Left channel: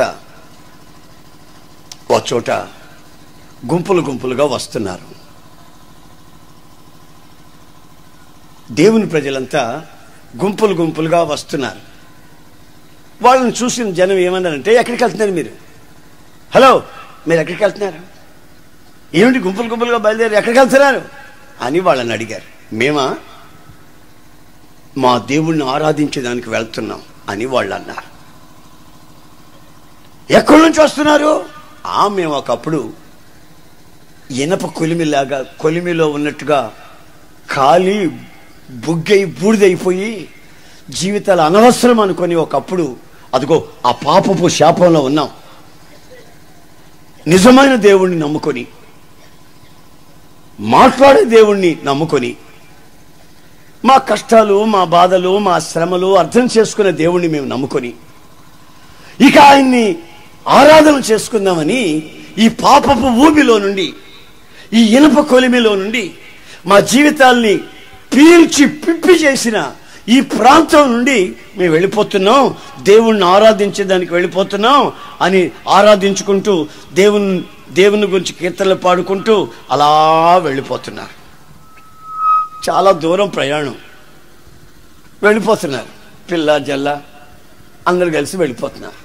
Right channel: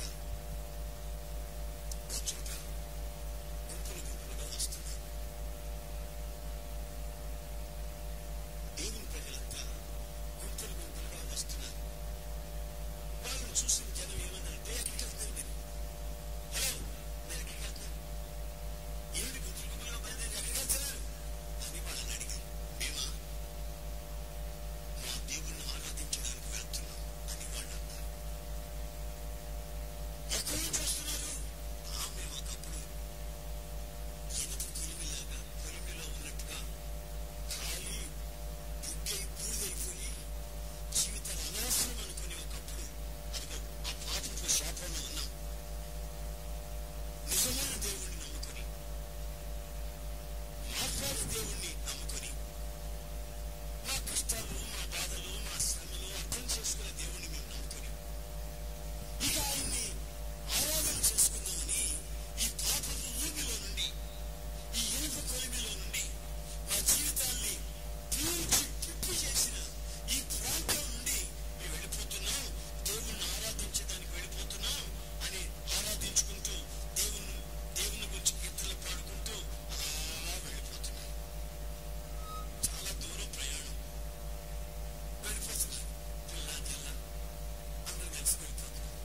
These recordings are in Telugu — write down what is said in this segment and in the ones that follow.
ప్రజలంతా ఒక చోట గుంపులు గుంపులుగా వస్తున్నారు. దేవుని ప్రజలంతా గుంపులు గుంపులుగా వస్తున్నారు. వాళ్ళని చూసిన జనం ఏమన్నారంటే, ఎక్కడికి వెళ్తున్నారు మీరు? హలో, మీరు ఎక్కడికి వెళ్తున్నారు? ఏమిటి గుంపులు గుంపులుగా బయలుదేరి ఎక్కడికి వెళ్తున్నారు అని వాళ్ళని అడిగారు. మేమా మా దేవుణ్ణి ఆరాధించడానికి వెళ్తున్నాం అని వాళ్ళు అన్నారు. ఎక్కడి నుంచి వస్తున్నారు? మేము ఒకప్పుడు ఇనప కొలిమిలాగా కొలిమిలో ఉన్నట్టుగా ఖాళీ బుగ్గై బూడిదైపోయి జీవితాలు అనవసరం అనుకొని ఒకప్పుడు అదిగో ఆ పాపపు శాపంలో ఉన్నాం. నిజమైన దేవుణ్ణి నమ్ముకొని, మాట్లాడే దేవుణ్ణి నమ్ముకొని, మా కష్టాలు, మా బాధలు, మా శ్రమలు అర్థం చేసుకునే దేవుణ్ణి మేము నమ్ముకొని ఇక ఆయన్ని ఆరాధన చేసుకుందామని ఈ పాపపు ఊబిలో నుండి, ఈ ఇనప కొలిమిలో నుండి మా జీవితాల్ని పీల్చి పిప్పి చేసిన ఈ ప్రాంతం నుండి మేము వెళ్ళిపోతున్నాం, దేవుణ్ణి ఆరాధించేదానికి వెళ్ళిపోతున్నాం అని ఆరాధించుకుంటూ దేవుని గురించి కీర్తనలు పాడుకుంటూ అలా వెళ్ళిపోతున్నారు. చాలా దూరం ప్రయాణం వెళ్ళిపోతున్నారు. పిల్ల జల్ల అందరు కలిసి వెళ్ళిపోతున్నారు.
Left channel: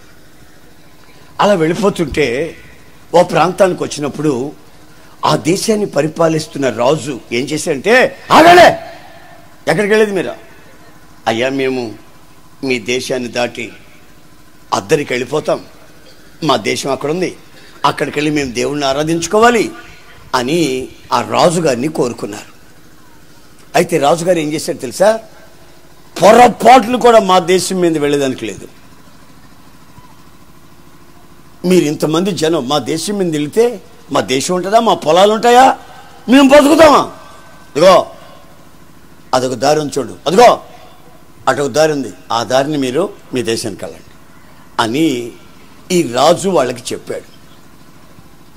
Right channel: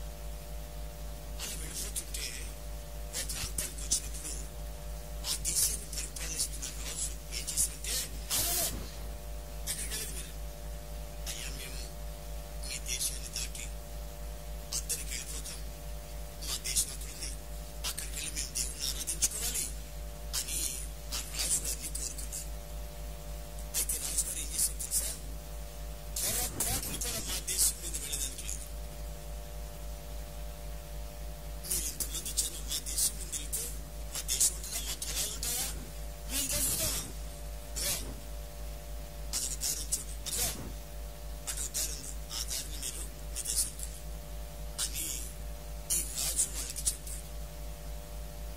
అలా వెళ్ళిపోతుంటే ఓ ప్రాంతానికి వచ్చినప్పుడు ఆ దేశాన్ని పరిపాలిస్తున్న రాజు ఏం చేశాడంటే, ఆగలే, ఎక్కడికి వెళ్ళేది మీరు? అయ్యా, మేము మీ దేశాన్ని దాటి అద్దరికి వెళ్ళిపోతాం, మా దేశం అక్కడ ఉంది, అక్కడికి వెళ్ళి మేము దేవుణ్ణి ఆరాధించుకోవాలి అని ఆ రాజుగారిని కోరుకున్నారు. అయితే రాజుగారు ఏం చేశారు తెలుసా? పొరపాట్లు కూడా మా దేశం మీద వెళ్ళేదానికి లేదు. మీరు ఇంతమంది జనం మా దేశం మీద వెళితే మా దేశం ఉంటుందా? మా పొలాలు ఉంటాయా? మేము బతుకుతామా? అదిగో అదొక దారి ఉంది చూడు, అదిగో అటొక దారి ఉంది, ఆ దారిని మీరు మీ దేశానికి వెళ్ళండి అని ఈ రాజు వాళ్ళకి చెప్పాడు.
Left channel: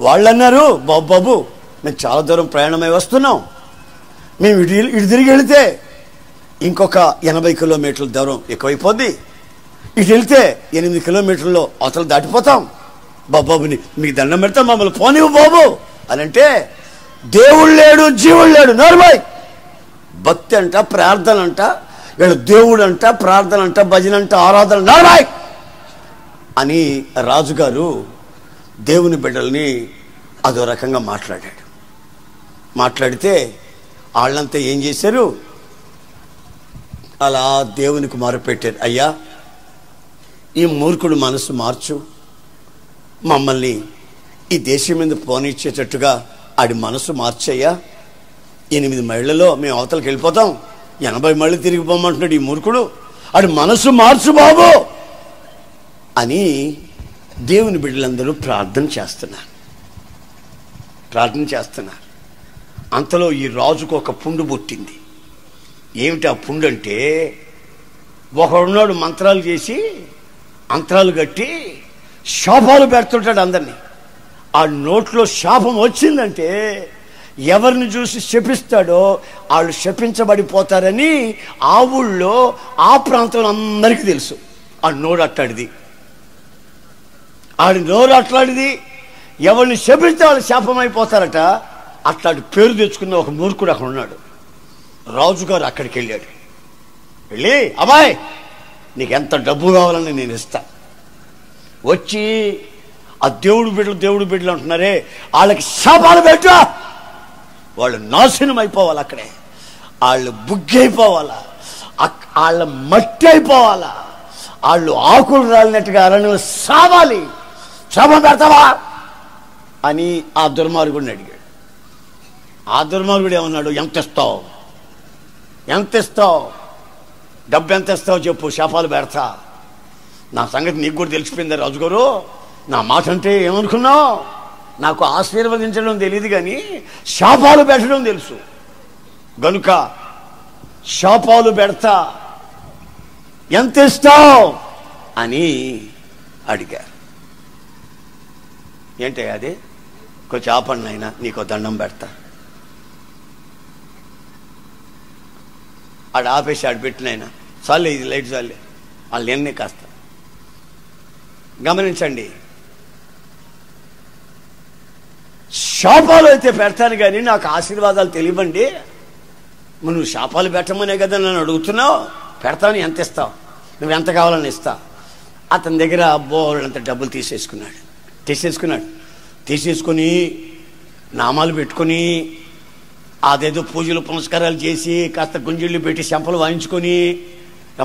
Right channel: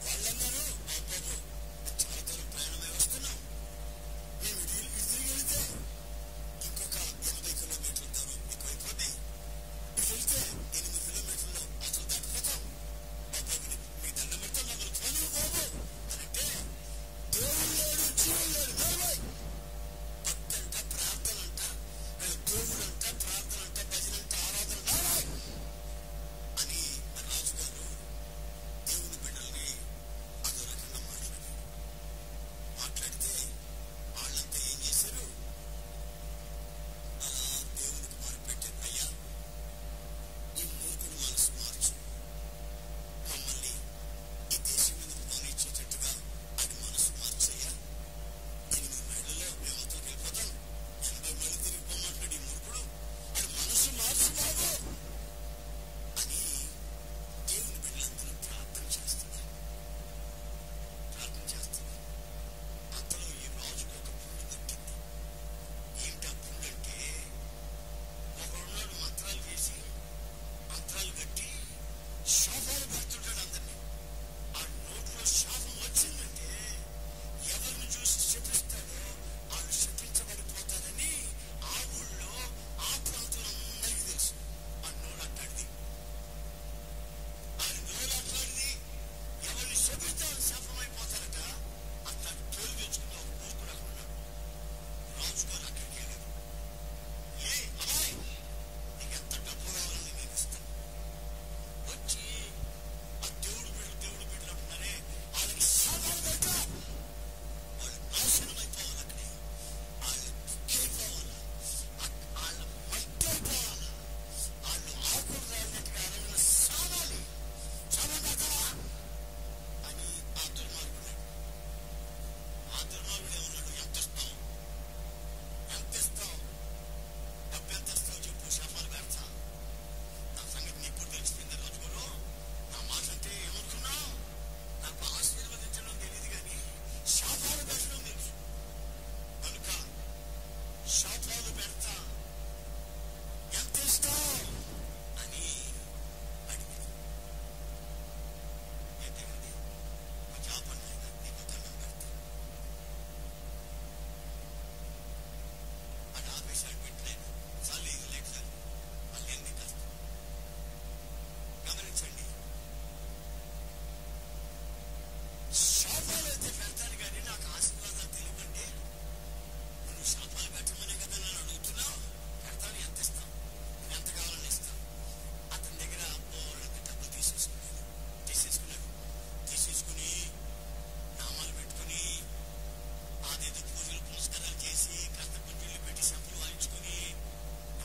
వాళ్ళు అన్నారు, బాబు మేము చాలా దూరం ప్రయాణమై వస్తున్నాం, మేము ఇటు తిరిగి వెళితే ఇంకొక 80 కిలోమీటర్ల దూరం ఎక్కువైపోద్ది, ఇటు వెళితే 8 కిలోమీటర్లో అవతల దాటిపోతాం, బాబుని మీకు దండం పెడతాం, మమ్మల్ని పోనివ్వు బాబు అని అంటే, దేవుడు లేడు జీవుడు లేడు, నోర్మై, భక్తి అంట, ప్రార్థన అంట, వీళ్ళు దేవుడు అంట, ప్రార్థన అంట, భజన అంట, ఆరాధన, నోర్మై అని రాజుగారు దేవుని బిడ్డల్ని అదో రకంగా మాట్లాడాడు. మాట్లాడితే వాళ్ళంతా ఏం చేశారు? అలా దేవునికి మొరపెట్టారు, అయ్యా ఈ మూర్ఖుడు మనసు మార్చు, మమ్మల్ని ఈ దేశం మీద పోనిచ్చేటట్టుగా ఆడి మనసు మార్చయ్యా, 8 మైళ్ళలో మేము అవతలకి వెళ్ళిపోతాం, 80 మైళ్ళు తిరిగిపోమంటున్నాడు ఈ మూర్ఖుడు, ఆడి మనసు మార్చు బాబు అని దేవుని బిడ్డలందరూ ప్రార్థన చేస్తున్నారు. అంతలో ఈ రాజుకు ఒక పుండు పుట్టింది. ఏమిటి ఆ పుండు అంటే, ఒకడున్నాడు మంత్రాలు చేసి అంతరాలు కట్టి శాపాలు పెడుతుంటాడు అందరినీ. ఆ నోట్లో శాపం వచ్చిందంటే ఎవరిని చూసి శపిస్తాడో వాళ్ళు శపించబడిపోతారని ఆ ఊళ్ళో ఆ ప్రాంతంలో అందరికీ తెలుసు. ఆ నోరు అట్లాడిది, ఆడి నోరు అట్లాడిది, ఎవరిని శపిస్తే వాళ్ళు శాపం అయిపోతారట. అట్లాంటి పేరు తెచ్చుకున్న ఒక మూర్ఖుడు అక్కడ ఉన్నాడు. రాజుగారు అక్కడికి వెళ్ళాడు. వెళ్ళి, అబ్బాయి నీకు ఎంత డబ్బు కావాలని నేను ఇస్తా, వచ్చి ఆ దేవుడు బిడ్డలు అంటున్నారే వాళ్ళకి శాపాలు పెట్టు, వాళ్ళు నాశనం అయిపోవాలి, అక్కడే వాళ్ళు బుగ్గి అయిపోవాలా, వాళ్ళ మట్టి అయిపోవాలా, వాళ్ళు ఆకులు రాలినట్టుగా అరణ్యం సావాలి, శాపం పెడతావా అని ఆ దుర్మార్గుడిని అడిగాడు. ఆ దుర్మార్గుడు ఏమన్నాడు, ఎంత ఇస్తావు, డబ్బు ఎంత ఇస్తావు చెప్పు, శాపాలు పెడతా. నా సంగతి నీకు కూడా తెలిసిపోయిందా రాజుగారు, నా మాట అంటే ఏమనుకున్నావు, నాకు ఆశీర్వదించడం తెలియదు కానీ శాపాలు పెట్టడం తెలుసు, గనుక శాపాలు పెడతా, ఎంత ఇస్తావు అని అడిగారు. ఏంటి అది, కొంచెం ఆపండి అయినా నీకు దండం పెడతా. ఆడు ఆపేసి ఆడు పెట్టినైనా చాలే, ఇది లైట్ చాలే, వాళ్ళు ఎన్నే కాస్త గమనించండి, శాపాలు అయితే పెడతాను కానీ నాకు ఆశీర్వాదాలు తెలియవండి. నువ్వు శాపాలు పెట్టమనే కదా నన్ను అడుగుతున్నావు. పెడతాను, ఎంత ఇస్తావు, నువ్వు ఎంత కావాలని ఇస్తా. అతని దగ్గర బోళ్ళంత డబ్బులు తీసేసుకొని నామాలు పెట్టుకొని అదేదో పూజలు పునస్కారాలు చేసి కాస్త గుంజిళ్ళు పెట్టి శంపలు వాయించుకొని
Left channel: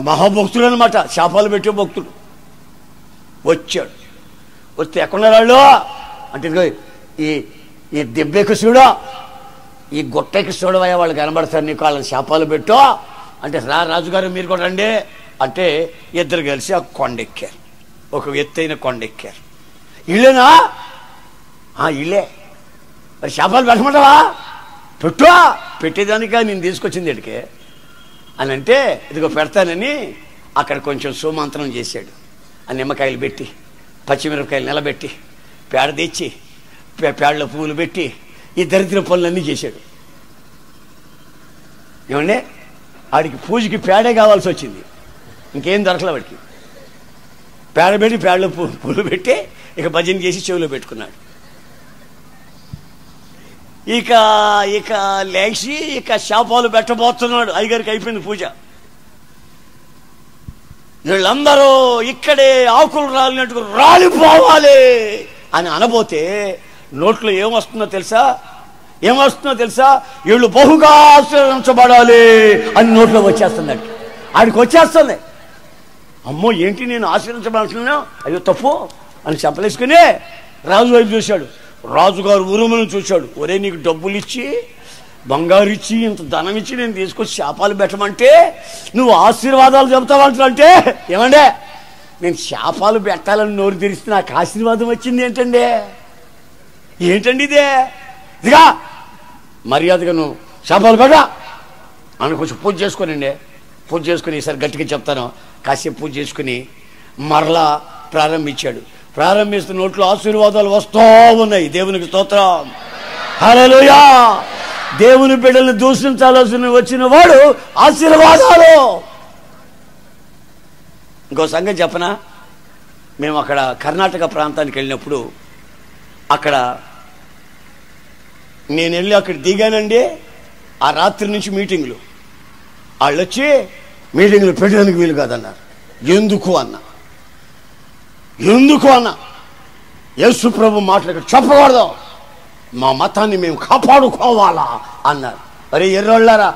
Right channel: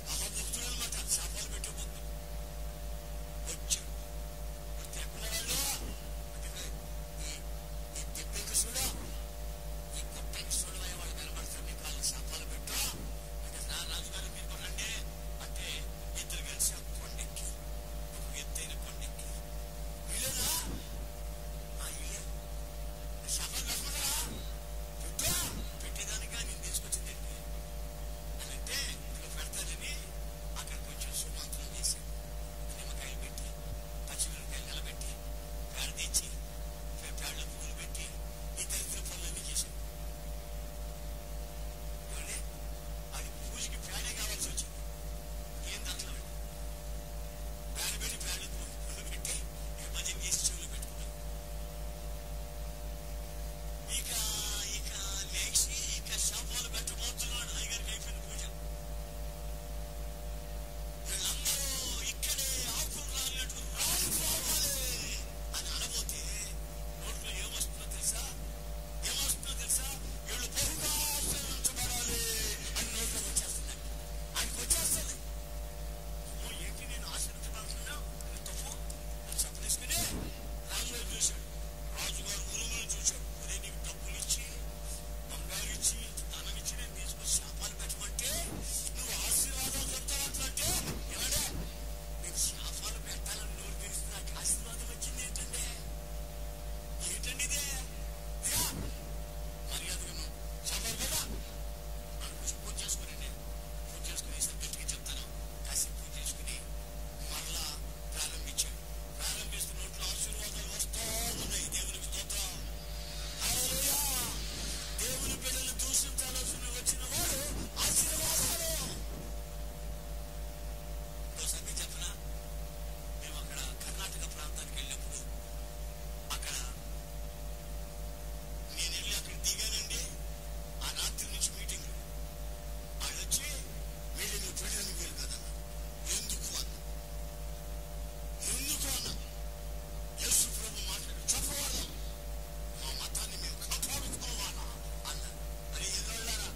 మహాభక్తుడు అనమాట, శాపాలు పెట్టే భక్తుడు. వచ్చాడు, వస్తే ఎక్కడున్నారు వాళ్ళు అంటే ఈ దెబ్బకి చూడో, ఈ గుట్టకి చూడవయ్యా, వాళ్ళు కనబడతారు నీకు, వాళ్ళని శాపాలు పెట్టో అంటే రాజుగారు మీరు కూడా రండి అంటే ఇద్దరు కలిసి ఆ కొండెక్కారు, ఒక ఎత్తైన కొండెక్కారు. ఇల్లేనా? ఇల్లే. మరి శాపాలు పెట్టమంటావా? పెట్టేదానికా నేను తీసుకొచ్చింది ఇక్కడికే అని అంటే, ఇదిగో పెడతానని అక్కడ కొంచెం సోమంత్రం చేశాడు. ఆ నిమ్మకాయలు పెట్టి, పచ్చిమిరపకాయలు నిలబెట్టి, పేడ తెచ్చి పేడలో పువ్వులు పెట్టి ఈ దరిద్ర పనులన్నీ చేశాడు. ఏమండి, ఆడికి పూజకి పేడే కావాల్సి వచ్చింది, ఇంకేం దొరకలే వాడికి. పేడ పెట్టి పేడలో పువ్వులు పెట్టి ఇక భజన చేసి చెవిలో పెట్టుకున్నాడు. ఇక లేచి శాపాలు పెట్టబోతున్నాడు. అయ్యగారికి అయిపోయింది పూజ. వీళ్ళందరూ ఇక్కడే ఆకులు రాలినట్టుగా రాలిపోవాలి అని అనబోతే నోట్లో ఏమొస్తుందో తెలుసా? వీళ్ళు బహుగా ఆశీర్వదించబడాలి అని నోట్లో వచ్చేస్తుందండి. ఆడికి వచ్చేస్తుంది. అమ్మో ఏంటి నేను ఆశీర్వదించబడుతున్నా, అయ్యో తప్పు అని చెప్పలేసుకుని రాజు వైపు చూశాడు. రాజుగారు ఉరుమును చూశాడు. ఒరే, నీకు డబ్బులు ఇచ్చి బంగారు ఇచ్చి ఇంత ధనం ఇచ్చి నేను తీసుకొచ్చి శాపాలు పెట్టమంటే నువ్వు ఆశీర్వాదాలు చెబుతావంటే, ఏమండే నేను శాపాలు పెట్టాలని నోరు తెరిస్తే నాకు ఆశీర్వాదం వచ్చింది ఏంటండి ఇదే? ఇదిగా మర్యాదగా నువ్వు శాపాలు పెట్టా అని కొంచెం పూజ చేసుకోనండి. పూజ చేసుకుని ఈసారి గట్టిగా చెప్తాను. కాసేపు పూజ చేసుకుని మరలా ప్రారంభించాడు. ప్రారంభిస్తున్న నోట్లో ఆశీర్వాదాలు వస్తూ ఉన్నాయి. దేవునికి స్తోత్రం, హల్లెలూయా. దేవుని బిడ్డల్ని దూషించాల్సిన వచ్చిన వాడు ఆశీర్వాదాలు. ఇంకో సంగతి చెప్పనా, మేము అక్కడ కర్ణాటక ప్రాంతానికి వెళ్ళినప్పుడు అక్కడ నేను వెళ్ళి అక్కడ దిగానండి. ఆ రాత్రి నుంచి మీటింగ్లు, వాళ్ళు వచ్చి మీటింగ్లు పెట్టడానికి వీలు కాదన్నారు. ఎందుకు అన్న యేసు ప్రభు మాటలు చెప్పకూడదు, మా మతాన్ని మేము కాపాడుకోవాలా అన్నారు. అరే ఎర్రోళ్ళారా,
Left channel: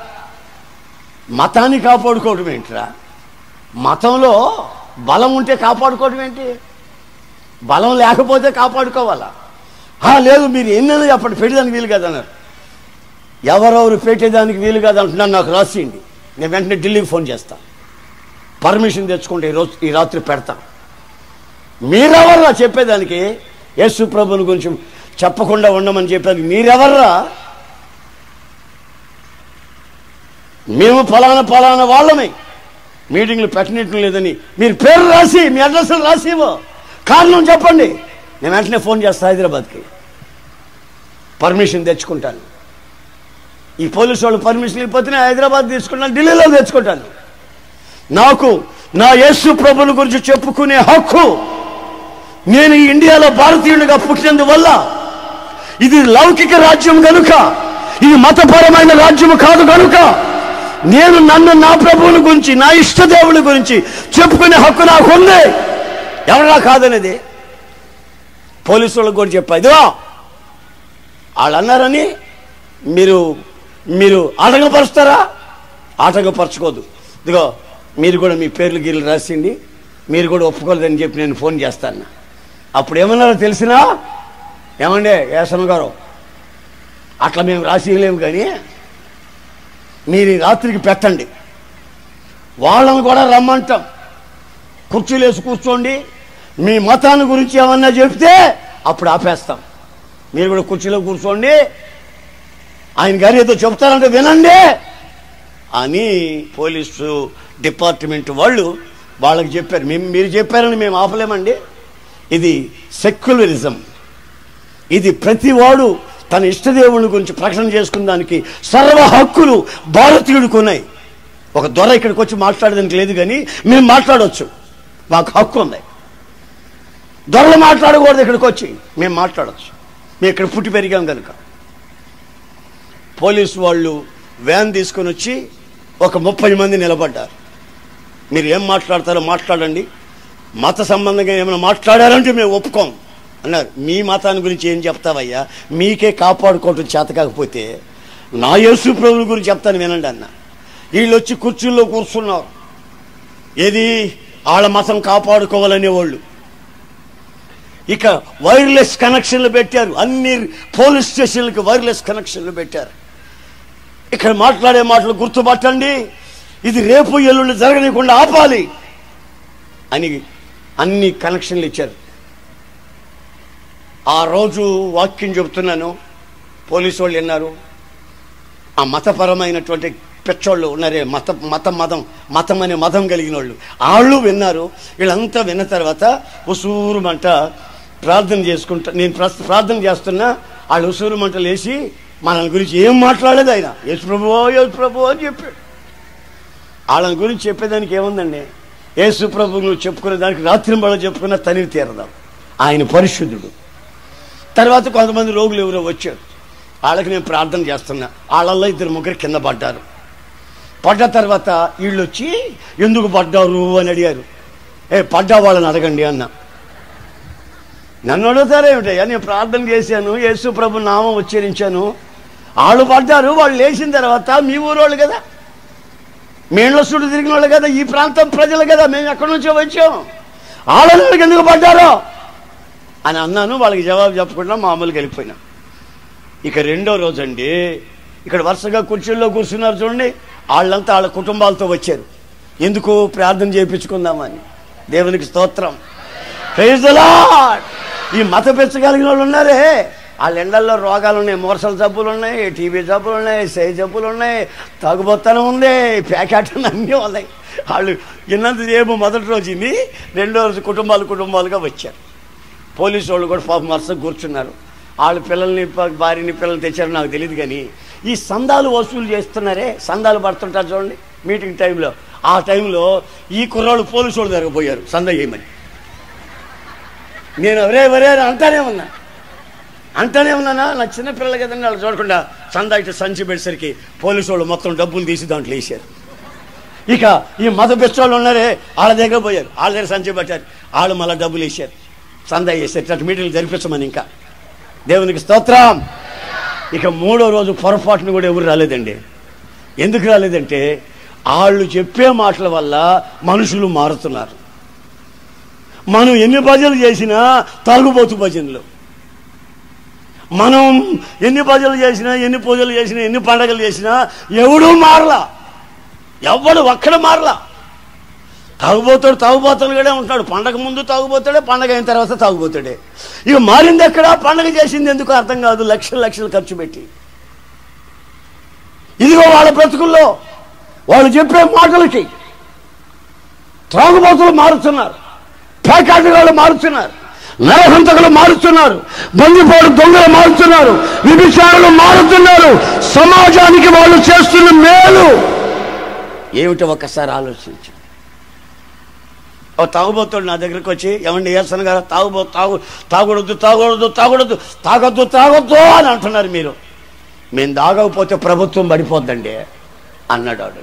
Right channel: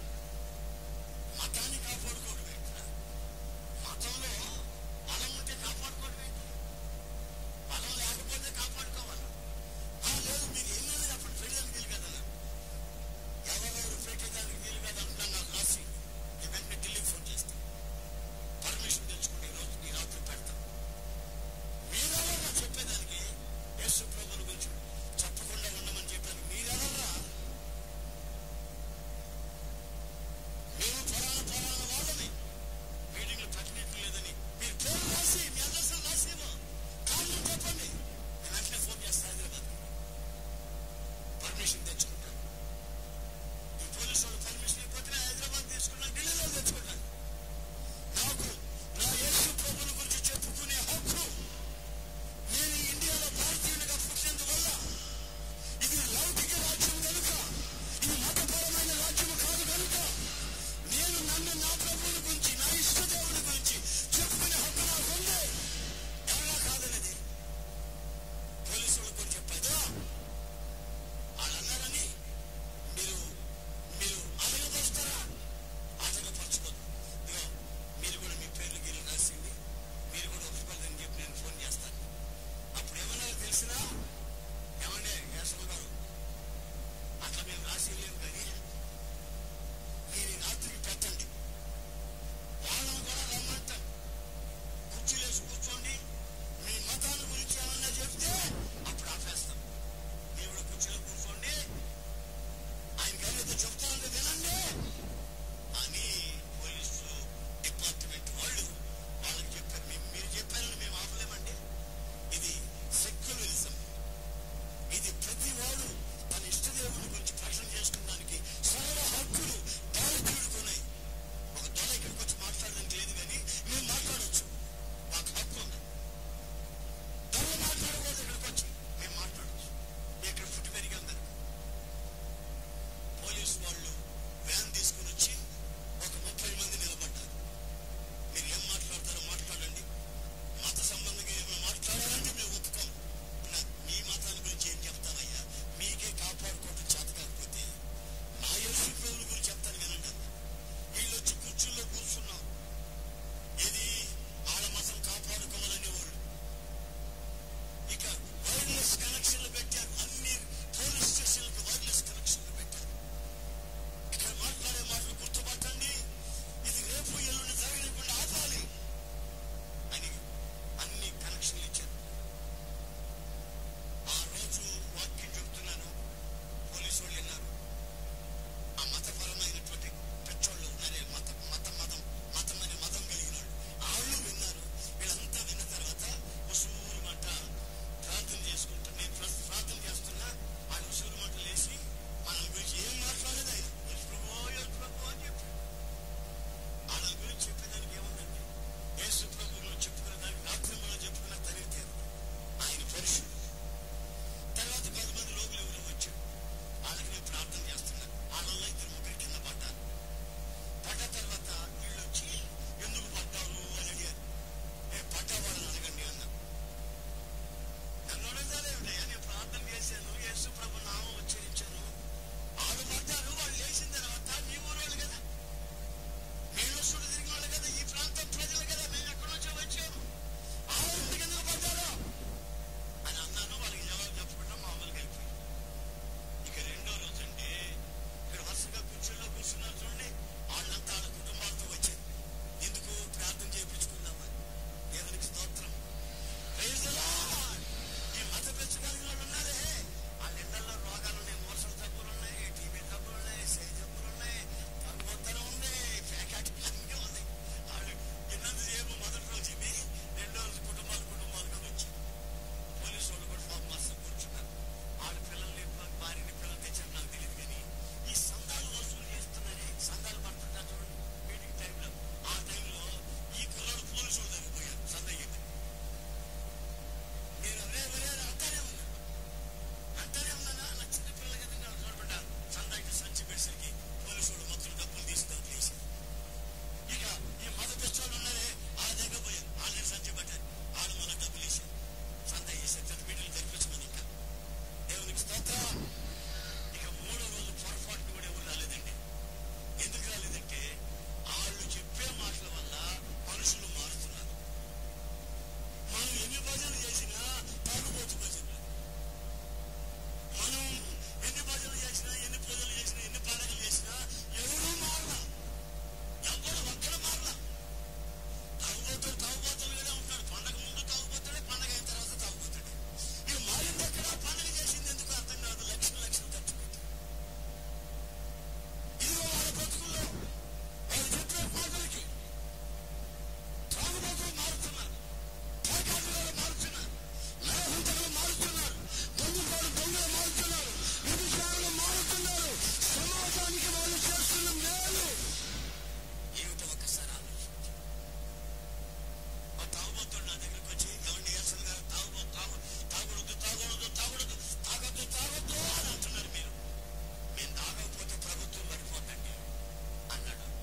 మతాన్ని కాపాడుకోవడం ఏంటిరా? మతంలో బలం ఉంటే కాపాడుకోవడం ఏంటి? బలం లేకపోతే కాపాడుకోవాలా? లేదు, మీరు ఎన్నైనా చెప్పండి, పెట్టేదానికి వీలు కాదన్నారు. ఎవరెవరు పెట్టేదానికి వీలు కాదంటున్నారు నాకు రాసియండి, నేను వెంటనే ఢిల్లీకి ఫోన్ చేస్తా, పర్మిషన్ తెచ్చుకుంటే ఈ రాత్రి పెడతా. మీరెవర్రా చెప్పేదానికి? యేసు ప్రభుని గురించి చెప్పకుండా ఉండమని చెప్పేది మీరెవర్రా? మేము ఫలానా వాళ్ళమే, మీటింగ్లు పెట్టనట్టు లేదని మీరు పేరు రాసి మీ అడ్రస్లు రాసివో, కారణం చెప్పండి, నేను వెంటనే ఫోన్ చేస్తా హైదరాబాద్కి, పర్మిషన్ తెచ్చుకుంటాను. ఈ పోలీసు వాళ్ళు పర్మిషన్ ఇవ్వకపోతే హైదరాబాద్ తీసుకుంటాను, ఢిల్లీలో తెచ్చుకుంటాను. నాకు నా యేసు ప్రభుని గురించి చెప్పుకునే హక్కు, నేను ఈ ఇండియాలో భారతీయుడిగా పుట్టినందువల్ల, ఇది లౌకిక రాజ్యం కనుక, ఇది మతపరమైన రాజ్యం కాదు కనుక, నేను నా ప్రభువుని గురించి, నా ఇష్టదేవుని గురించి చెప్పుకునే హక్కు నాకు ఉంది. ఎవరా కాదనేది పోలీసు వాళ్ళకి కూడా చెప్పా. ఇదిగో వాళ్ళు అన్నారని మీరు ఆటంకపరుస్తారా? ఆటంకపరచుకోదు. ఇదిగో మీరు కూడా మీ పేర్లు గీర్లు రాసిండి, మీరు కూడా ఒప్పుకోలేదని చెప్పి నేను ఫోన్ చేస్తాను. అప్పుడు ఏమన్నారో తెలిసినా, ఏమండే ఏసమ్మ గారు, అట్లా మేము రాసిలేము కానీ మీరు ఈ రాత్రికి పెట్టండి, వాళ్ళని కూడా రమ్మంటాం, కుర్చీలు వేసి కూర్చోండి, మీ మతాన్ని గురించి ఏమన్నా చెప్తే అప్పుడు ఆపేస్తాం, మీరు కూడా కుర్చీలో కూర్చోండి, ఆయన గారు ఏదో చెప్తారంటే వినండి అని పోలీసు డిపార్ట్మెంట్ వాళ్ళకి చెప్పారు. మీరు చెప్పారని మేము ఆపలేమండి. ఇది సెక్యులరిజం. ఇది ప్రతివాడు తన ఇష్టదేవుని గురించి ప్రకటన చేసుకున్న దానికి సర్వ హక్కులు భారతీయుడికి ఉన్నాయి. ఒక దొర ఇక్కడికి వచ్చి మాట్లాడడానికి లేదు, కానీ మేము మాట్లాడవచ్చు, మాకు హక్కు ఉంది. దొరలు మాట్లాడకూడదు. ఇక్కడికి వచ్చి మేము మాట్లాడచ్చు, మేము ఇక్కడ పుట్టి పెరిగాం కనుక. పోలీసు వాళ్ళు వ్యాన్ తీసుకొని వచ్చి ఒక 30 మంది నిలబడ్డారు. మీరు ఏం మాట్లాడతారో మాట్లాడండి, మత సంబంధంగా ఏమైనా మాట్లాడారంటే మేము ఒప్పుకోం అన్నారు. మీ మతాన్ని గురించి ఏం చెప్తావయ్యా, మీకే కాపాడుకోవటం చేత కాకపోతే నా యేసు ప్రభువుల గురించి చెప్తాను వినండి అన్న. వీళ్ళు వచ్చి కుర్చీల్లో కూర్చున్నారు. ఏది వాళ్ళ మతం కాపాడుకోవాలనే వాళ్ళు. ఇక వైర్లెస్ కనెక్షన్లు పెట్టారు, అన్ని పోలీస్ స్టేషన్లకు వైర్లెస్ కనెక్షన్లు పెట్టారు. ఇక్కడ మాట్లాడే మాటలు గుర్తుపట్టండి, ఇది రేపు ఎల్లుండి జరగనీయకుండా ఆపాలి అని అన్ని కనెక్షన్లు ఇచ్చారు. ఆ రోజు వాక్యం చెబుతున్నాను, పోలీసు వాళ్ళు విన్నారు. ఆ మతపరమైనటువంటి పెచ్చోళ్ళు ఉన్నారే, మతం అనే మతం కలిగిన వాళ్ళు విన్నారు. వీళ్ళంతా విన్న తర్వాత ఉసూరుమంట ప్రార్థన చేసుకుంటా, నేను ప్రార్థన చేస్తున్నా, వాళ్ళు ఉసూరుమంటలు వేసి మన గురించి ఏం మాట్లాడలేదు. ఆయన యేసు ప్రభువో అని చెప్పాడు. వాళ్ళని గురించి చెప్పేదానికి ఏముందండి, యేసు ప్రభు నువ్వు చెప్పుకునే దానికి రాత్రింబళ్ళ చెప్పుకున్న తనివి తీరదాం. ఆయన పరిశుద్ధుడు. తర్వాత కొంతమంది రోగులు ఎవరో వచ్చారు, వాళ్ళకి నేను ప్రార్థన చేస్తున్నా. వాళ్ళల్లో 2-3 కింద పడ్డారు. పడ్డ తర్వాత వీళ్ళు వచ్చి ఎందుకు పడ్డారు అని అడిగారు. పడ్డా వాళ్ళని అడగండి అన్న. నన్ను అడుగుతారేమిటయ్యా, నేను ప్రార్థన చేశాను, యేసు ప్రభు నామం ఉచ్చరించాను, వాళ్ళు పడ్డారు. వాళ్ళు లేచిన తర్వాత మీ ఊరోళ్ళు కదా, మేళ్ళ చుట్టూ తిరిగిన వాళ్ళు కదా, ఈ ప్రాంతం ప్రజలు కదా, మేము ఎక్కడి నుంచో వచ్చాం, వాళ్ళకి ఎందుకు పడ్డారో అని అన్నాను. వాళ్ళకి జవాబు చెప్పకుండా మామూలుగా వెళ్ళిపోయినా. ఇక రెండో రోజు అండి, ఇక్కడ వరుసగా కుర్చీల్లో కూర్చున్నారు చూడండి, వాళ్ళంతా వాళ్ళ కుటుంబాలతో వచ్చారు. ఎందుకు? ప్రార్థన చేయించుకుందామని. దేవునికి స్తోత్రం, ప్రైజ్ ది లార్డ్. ఈ మత పెంచగలిగిన వాళ్ళు ఉన్నారే, వాళ్ళ ఎండల్లో రోగాలు ఉన్నాయి, మోర్సల జబ్బులు ఉన్నాయి, టీబీ జబ్బులు ఉన్నాయి, సై జబ్బులు ఉన్నాయి, తాగుబోత్తనం ఉంది, ప్యాకెట్ అన్నీ ఉన్నాయి. వాళ్ళు ఇన్నంతసేపు మొదటి రోజు ఇన్ని, రెండో రోజు కుటుంబాలుగా వచ్చారు. పోలీసు వాళ్ళు కూడా పాపం వరుసగా కూర్చున్నారు. వాళ్ళు పిల్లల్ని భార్యని పిల్లల్ని తెచ్చారు నాకు తెలియదు. కానీ ఈ సందాలు వసూలు చేస్తున్నారే, సందాలు పడుతుంటారు చూడండి మీటింగ్ టైంలో, ఆ టైంలో ఈ కుర్రాళ్ళు పోలీసు వాళ్ళు దగ్గర పోయారు సందా చేయమని. నేను ఎవరే అంటానే ఉన్నానా, నా చిన్నపిల్లలు కదండి, వాళ్ళు చూడకుండా సందా ఇటు సంచి పెట్టేసరికి పోలీసు వాళ్ళు మొత్తం డబ్బులు తీసి దాంట్లో వేసారు. ఇక ఈ మత పిచ్చోళ్ళు ఉన్నారే, వాళ్ళ దగ్గర పోయారు, వాళ్ళ దగ్గర సంచి పెట్టారు, వాళ్ళు మళ్ళీ డబ్బులు వేసారు, సందా వేసారు. అటు మీటింగ్లు జరిపించమని. ఇంకా దేవునికి స్తోత్రం. ఇక మూడో రోజు పొరపాటును కూడా ఎవరు రాలేదండి. ఎందుకు రాలేదంటే వాళ్ళు చెప్పే మాటల వల్ల మనుషులు మారుతున్నారు. మనం ఎన్ని భజనలు చేసినా తాగుబోతు భజనలు, మనం ఎన్ని భజనలు చేసినా, ఎన్ని పూజలు చేసినా, ఎన్ని పండగలు చేసినా ఎవడూ మారలా, ఎవడు ఒక్కడ మారలా. తాగుబోతాడుగానే ఉంటాడు. పండగ ముందు తాగుబోతాడే, పండగ అయిన తర్వాత తాగుబోతాడే. ఇక మారింది ఎక్కడ? పండగ చేసింది ఎందుకు అర్థం కాదు, లక్షలు ఖర్చు పెట్టి. ఇదిగో వాళ్ళ బ్రతుకుల్లో వాళ్ళు చెప్పే మాటలకి త్రాగుబోతులు మారుతున్నారు, పేకాటగాళ్ళు మారుతున్నారు, నరహంతకులు మారుతున్నారు, బందిపోడు దొంగలు మారుతున్నారు, విభిచారులు మారుతున్నారు. సమాజానికి వాళ్ళు చేస్తున్న మేలు ఏమిటో ఒక్కసారి ఆలోచించు. తాగుబోతాడు నా దగ్గరికి వచ్చి, ఏమండి ఏసన్ గారు తాగొద్దు అని అంటున్నారు మీరు. మేము తాగకపోతే ప్రభుత్వం పడిపోద్దండి అన్నాడు వాడు.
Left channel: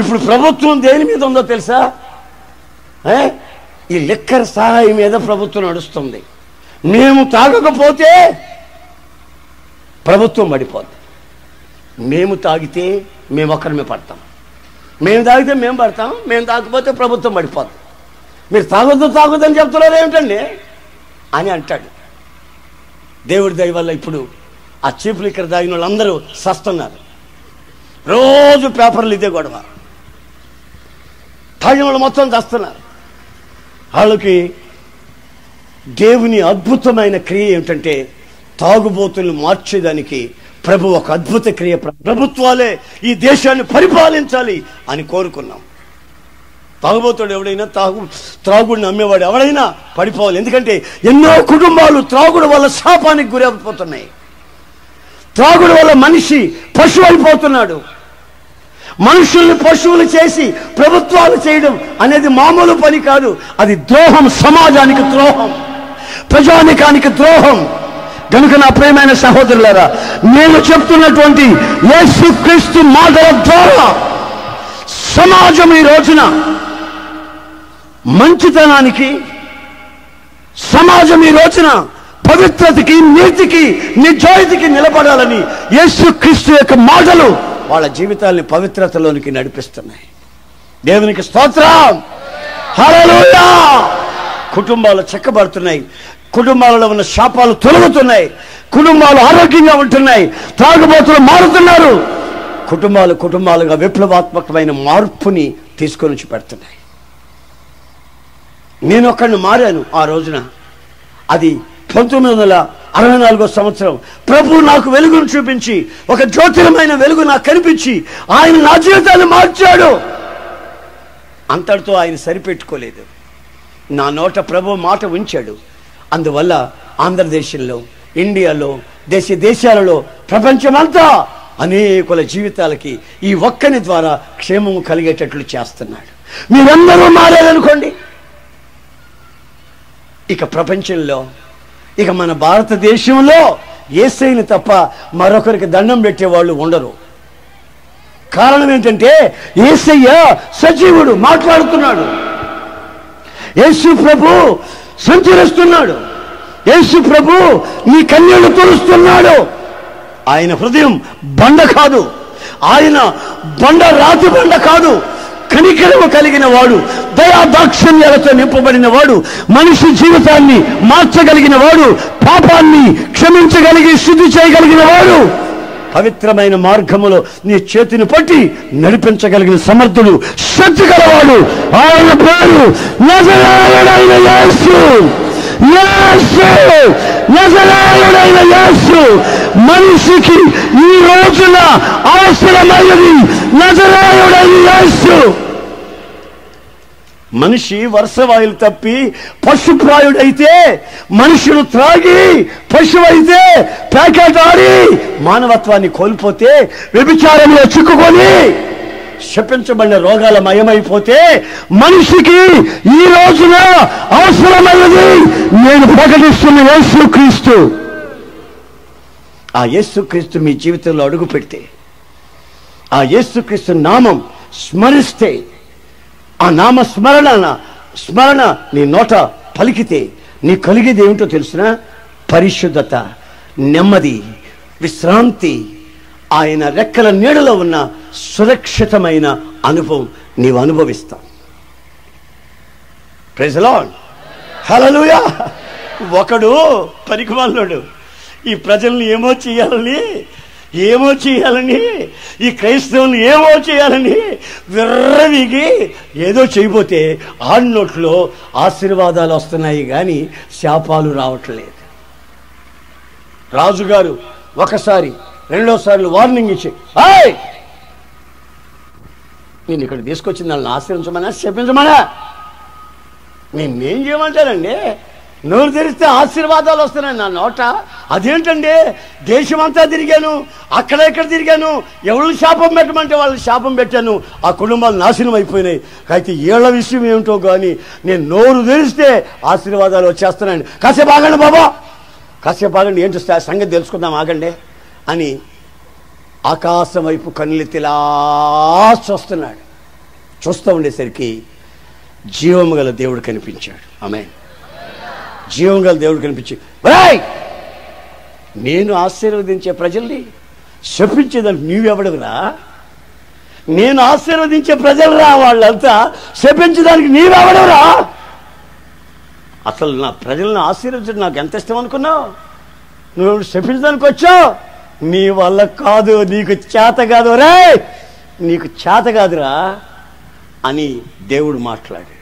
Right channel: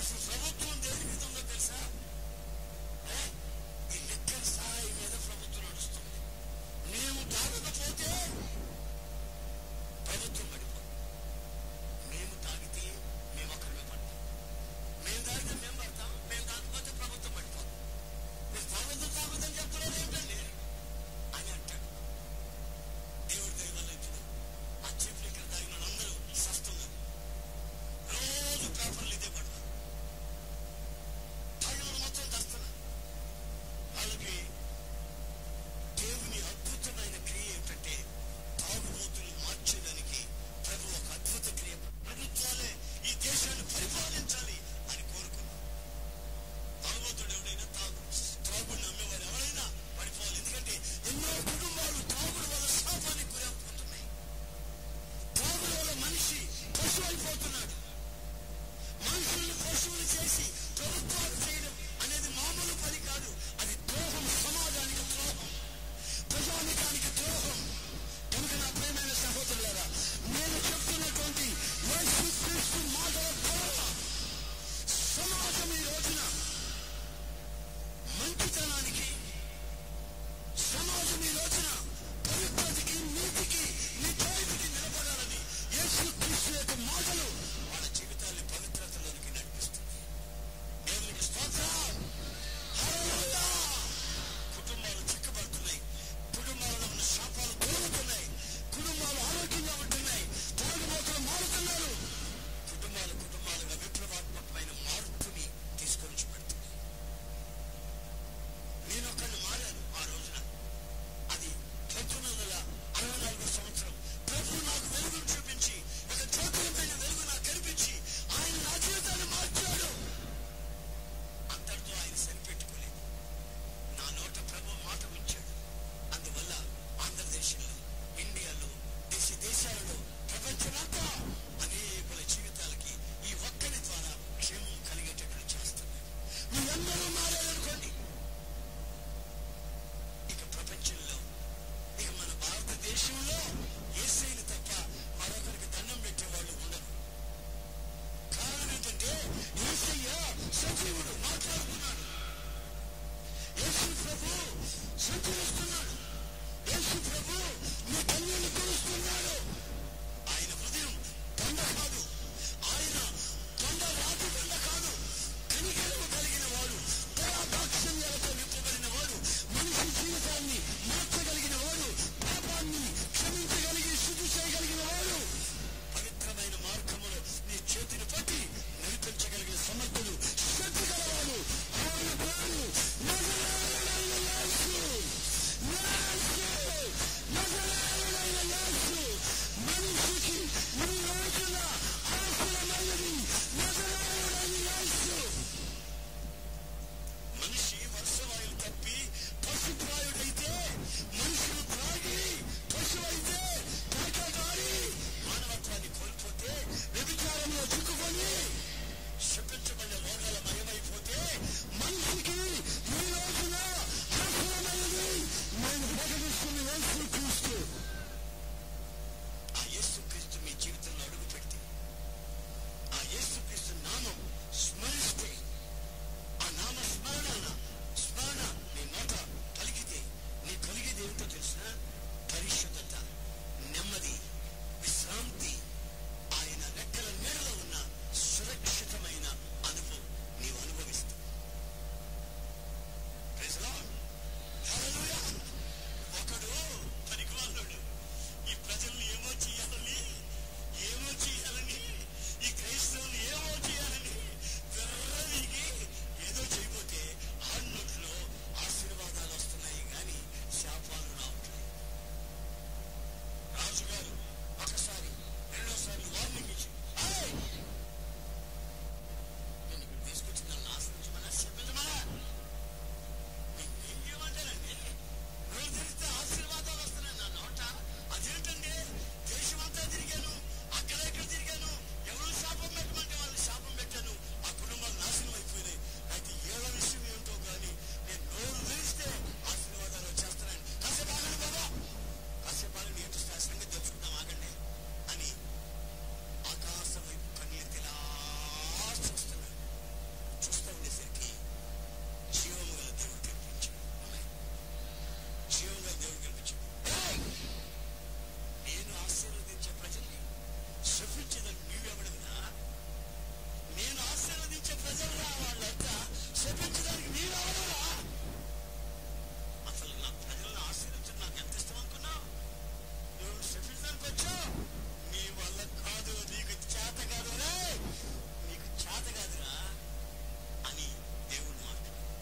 ఇప్పుడు ప్రభుత్వం దేని మీద ఉందో తెలుసా? ఈ లిక్కర్ సహాయం మీద ప్రభుత్వం నడుస్తుంది. మేము తాగకపోతే ప్రభుత్వం పడిపోద్ది. మేము తాగితే మేము ఒక్కరిమే పడతాం, మేము తాగితే మేము పడతాం, మేము తాగకపోతే ప్రభుత్వం పడిపోద్ది. మీరు తాగొద్దని చెప్తున్నారు ఏమిటండి అని అంటాడు. దేవుడి దయ వల్ల ఇప్పుడు ఆ చీప్ లిక్కర్ తాగిన వాళ్ళందరూ సస్తున్నారు. రోజు పేపర్లు ఇదే గొడవ. తాగిన వాళ్ళు మొత్తం చస్తున్నారు. వాళ్ళకి దేవుని అద్భుతమైన క్రియ ఏమిటంటే తాగుబోతులను మార్చేదానికి ప్రభు ఒక అద్భుత క్రియ. ప్రభుత్వాలే ఈ దేశాన్ని పరిపాలించాలి అని కోరుకున్నాం. తాగుబోతుడు ఎవడైనా, త్రాగుడిని అమ్మేవాడు ఎవడైనా పడిపోవాలి. ఎందుకంటే ఎన్నో కుటుంబాలు త్రాగుడు వల్ల శాపానికి గురైపోతున్నాయి. త్రాగుడు వల్ల మనిషి పశువు అయిపోతున్నాడు. మనుషుల్ని పశువులు చేసి ప్రభుత్వాలు చేయడం అనేది మామూలు పని కాదు. అది ద్రోహం, సమాజానికి ద్రోహం, ప్రజానికానికి ద్రోహం. కనుక నా ప్రియమైన సహోదరులారా, నేను చెప్తున్నటువంటి యేసుక్రీస్తు మాటల ద్వారా సమాజం ఈ రోజున మంచితనానికి, సమాజం ఈ రోజున పవిత్రతకి, నీతికి, నిజాయితీకి నిలబడాలని యేసుక్రీస్తు యొక్క మాటలు వాళ్ళ జీవితాల్ని పవిత్రతలోనికి నడిపిస్తున్నాయి. దేవునికి స్తోత్రం, హల్లెలూయా. కుటుంబాలు చక్కబడుతున్నాయి, కుటుంబాలలో ఉన్న శాపాలు తొలగుతున్నాయి, కుటుంబాలు ఆరోగ్యంగా ఉంటున్నాయి, త్రాగుబోతులు మారుతున్నారు, కుటుంబాలుగా విప్లవాత్మకమైన మార్పుని తీసుకొని వచ్చి పెడుతున్నాయి. నేను ఒక్కడిని మారాను ఆ రోజున. అది 1964 సంవత్సరం. ప్రభు నాకు వెలుగును చూపించి, ఒక జ్యోతిరమైన వెలుగు నాకు కనిపించి ఆయన నా జీవితాన్ని మార్చాడు. అంతటితో ఆయన సరిపెట్టుకోలేదు, నా నోట ప్రభు మాట ఉంచాడు. అందువల్ల ఆంధ్రదేశంలో, ఇండియాలో, దేశాలలో, ప్రపంచమంతా అనేకుల జీవితాలకి ఈ ఒక్కని ద్వారా క్షేమము కలిగేటట్లు చేస్తున్నాడు. మీరందరూ మారారనుకోండి, ఇక ప్రపంచంలో, ఇక మన భారతదేశంలో యేసయ్యని తప్ప మరొకరికి దండం పెట్టేవాళ్ళు ఉండరు. కారణం ఏంటంటే యేసయ్య సజీవుడు, మాట్లాడుతున్నాడు. యేసు ప్రభు సంచరిస్తున్నాడు. యేసు ప్రభు నీ కన్నీళ్లు తుడుస్తున్నాడు. ఆయన హృదయం బండ కాదు, ఆయన రాతి బండ కాదు. కనికరము కలిగిన వాడు, దయా దాక్షిణ్యాలతో నింపబడిన వాడు, మనిషి జీవితాన్ని మార్చగలిగిన వాడు, పాపాన్ని క్షమించగలిగి శుద్ధి చేయగలిగిన వాడు, పవిత్రమైన మార్గములో నీ చేతిని పట్టి నడిపించగలిగిన సమర్థుడు, శక్తి గలవాడు. ఆయన పేరు నజరేయుడైన యేసు. నజరేయుడైన యేసు. మనిషికి ఈ రోజున అవసరమైనది నజరేయుడైన యేసు. మనిషి వర్షవాయులు తప్పి పశుప్రాయుడైతే, మనుషులు త్రాగి పశువైతే, ప్యాకెట్ ఆడి మానవత్వాన్ని కోల్పోతే, వ్యభిచారంలో చిక్కుకొని శపించబడిన రోగాల మయమైపోతే, మనిషికి ఈ రోజున అవసరమైనది నేను ప్రకటిస్తున్న యేసుక్రీస్తు. ఆ యేసుక్రీస్తు మీ జీవితంలో అడుగు పెడితే, ఆ యేసుక్రీస్తు నామం స్మరిస్తే, ఆ నామ స్మరణ నీ నోట పలికితే నీ కలిగేది ఏమిటో తెలిసిన? పరిశుద్ధత, నెమ్మది, విశ్రాంతి, ఆయన రెక్కల నీడలో ఉన్న సురక్షితమైన అనుభవం నీవు అనుభవిస్తావు. ప్రైజ్ ది లార్డ్, హల్లెలూయా. ఒకడు పనికిమాలినోడు ఈ ప్రజల్ని ఏమో చేయాలని, ఈ క్రైస్తవుల్ని ఏమో చేయాలని విర్రవిగి ఏదో చేయబోతే ఆడి నోట్లో ఆశీర్వాదాలు వస్తున్నాయి కానీ శాపాలు రావట్లేదు. రాజుగారు ఒకసారి, రెండోసార్లు వార్నింగ్ ఇచ్చి, నేను ఇక్కడ తీసుకొచ్చింది వాళ్ళని ఆశ్రయించమనా శపించమనా? నేనేం చేయమంటానండి? నోరు తెరిస్తే ఆశీర్వాదాలు వస్తున్నాయి నా నోట. అదేంటండి, దేశమంతా తిరిగాను, అక్కడ తిరిగాను, ఎవరిని శాపం పెట్టమంటే వాళ్ళని శాపం పెట్టాను, ఆ కుటుంబాలు నాశనం అయిపోయినాయి. అయితే ఏళ్ల విషయం ఏమిటో కానీ నేను నోరు తెరిస్తే ఆశీర్వాదాలు వచ్చేస్తున్నాయండి. కాసేపు ఆగండి బాబా, కాసేపు ఆగండి, ఏంటో సంగతి తెలుసుకుందాం, ఆగండి అని ఆకాశం వైపు కన్నులెత్తిలా చూస్తున్నాడు. చూస్తూ ఉండేసరికి జీవము గల దేవుడు కనిపించాడు. ఆమేన్. జీవం గల దేవుడు కనిపించి, నేను ఆశీర్వదించే ప్రజల్ని శపించేదానికి నీవెవడవురా? నేను ఆశీర్వదించే ప్రజలరా వాళ్ళంతా, శపించడానికి నీవెవడవురా? అసలు నా ప్రజలను ఆశీర్వదించడం నాకు ఎంత ఇష్టం అనుకున్నావు? నువ్వు శపించడానికి వచ్చావు, నీ వల్ల కాదు, నీకు చేత కాదు రే, నీకు చేత కాదురా అని దేవుడు మాట్లాడాడు.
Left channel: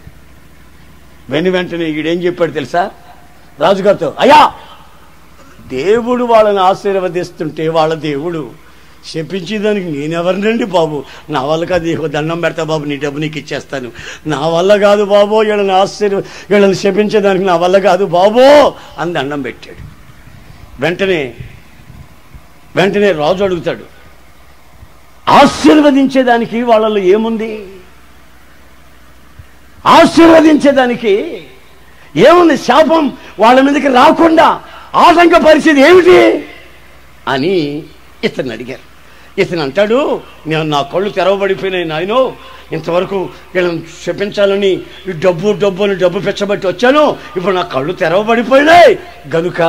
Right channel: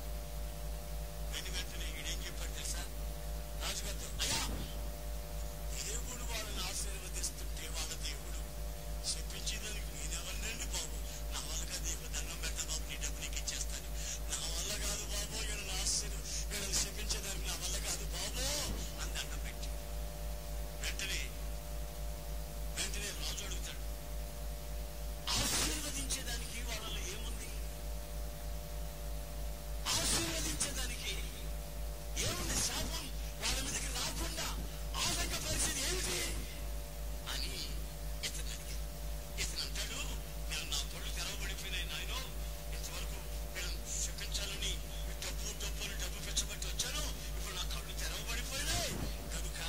వెంటనే ఈడేం చెప్పాడు తెలుసా? రాజుగారితో, అయ్యా దేవుడు వాళ్ళని ఆశీర్వదిస్తుంటే వాళ్ళ దేవుడు శపించేదానికి నేనెవరినండి బాబు? నా వల్ల కాదు, నీకు దండం పెడతా బాబు, నీ డబ్బు నీకు ఇచ్చేస్తాను. నా వల్ల కాదు బాబు, వీళ్ళని శపించేదానికి నా వల్ల కాదు బాబు అని దండం పెట్టాడు. వెంటనే రాజు అడుగుతాడు, ఆశీర్వదించేదానికి వాళ్ళలో ఏముంది? ఆశీర్వదించేదానికి ఏముంది? శాపం వాళ్ళ మీదకి రాకుండా ఆటంకపరిచేది ఏమిటి అని ఇతను అడిగారు. ఇతను అంటాడు, నేను నా కళ్ళు తెరవబడిపోయినాయి నాయనో, ఇంతవరకు వీళ్ళని శపించాలని డబ్బు పెచ్చబట్టి వచ్చాను, ఇప్పుడు నా కళ్ళు తెరవబడిపోయినాయి గనుక